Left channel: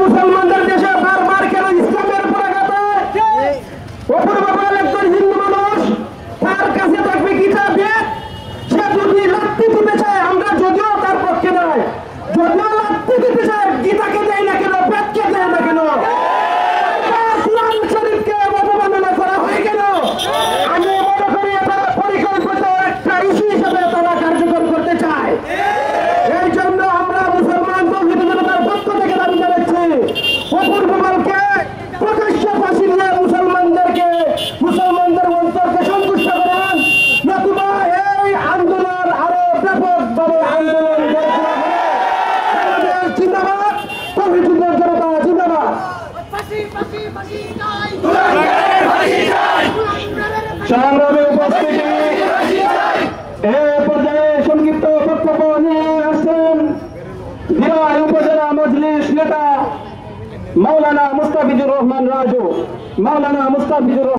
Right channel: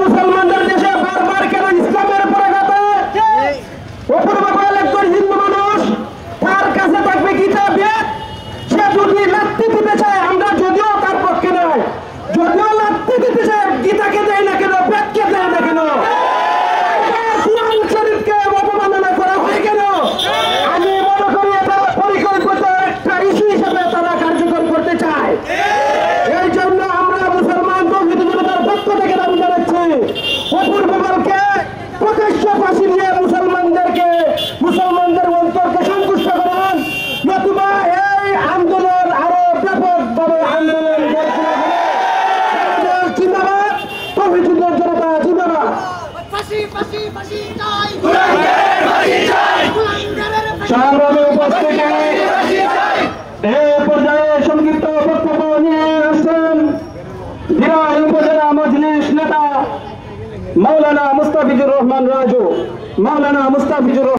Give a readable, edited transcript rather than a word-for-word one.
মুসলমানদের দেশে বারবার কেন ইসলামের পতাকা? অপর বাবা একজন হিন্দু মানুষ, তার কাছে থাকবে গীতা বেদ, সে যদি লাত্তি দিতে চায়, আমরা যদিও তার পক্ষে নয়, যদিও লাত্তি দিতে চায়, গীতাকে দেয় না কেন, বেদকে দেয় না কেন, কুরআন শরীফকে অবমাননা করা হয় কেন? আমি মনে করি এটা পরিকল্পিত একটা ইস্যু হিসেবে তারা কার্যকর করতে চায়। এই জন্য আমরা মুসলমান তৌহিদি জনতার পক্ষ থেকে দাবি জানাচ্ছি, অপর বাবাকে প্রকাশ্য ফাঁসি দিয়ে মুসলমানদের অন্তরকে সন্তুষ্ট করুন, নতুবা এই আন্দোলন আরো ব্যাপকভাবে আন্দোলন গড়ে তোলা হবে। জিন্দাবাদ, তৌহিদি জনতা জিন্দাবাদ। সংগ্রামে উপস্থিতি, এই পর্যায়ে সংক্ষিপ্ত বক্তব্য নিয়ে আসছেন দিরাই উপজেলা মজলিস নেতা মাওলানা মুস্তাফিজুর রহমান রাজু।